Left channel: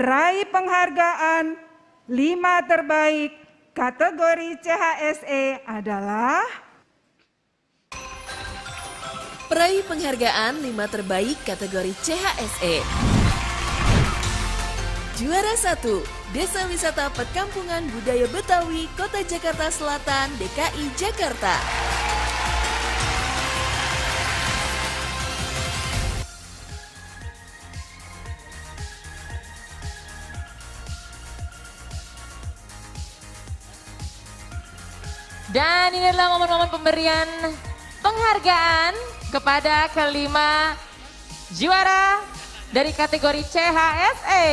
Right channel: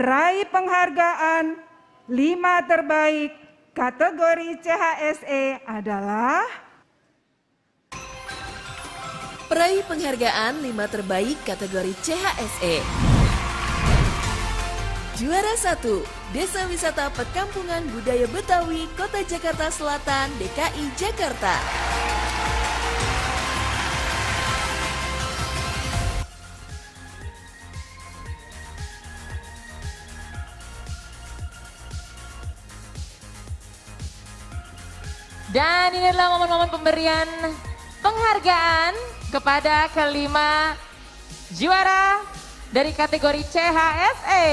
Peraih penghargaan 5 terbaik kategori CHSE adalah Peraih penghargaan 5 terbaik kategori CHSE. Juara 1, Desa Wisata Perkampungan Budaya Betawi, Kota Jakarta Selatan, DKI Jakarta. Dan ini adalah momen-momen pemberian penghargaan kepada kelima juara dari kategori CHSE.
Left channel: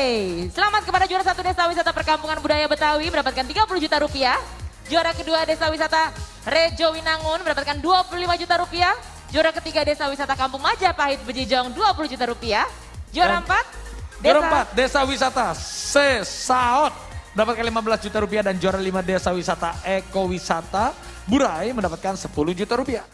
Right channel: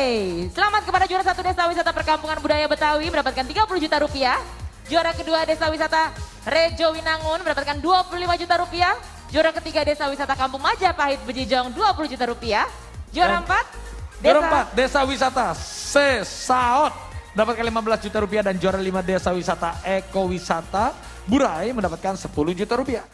Selamat kepada juara 1 Desa Wisata Perkampungan Budaya Betawi mendapatkan 30 juta rupiah. Juara kedua Desa Wisata Rejo Winangun mendapatkan 25 juta rupiah. Juara ketiga Desa Wisata Kampung Majapahit Bejijong 20 juta rupiah. Juara 4 Desa Wisata Sesaot mendapatkan 15 juta rupiah dan juara 5 Desa Wisata Eko Wisata Burai mendapatkan 10 juta rupiah.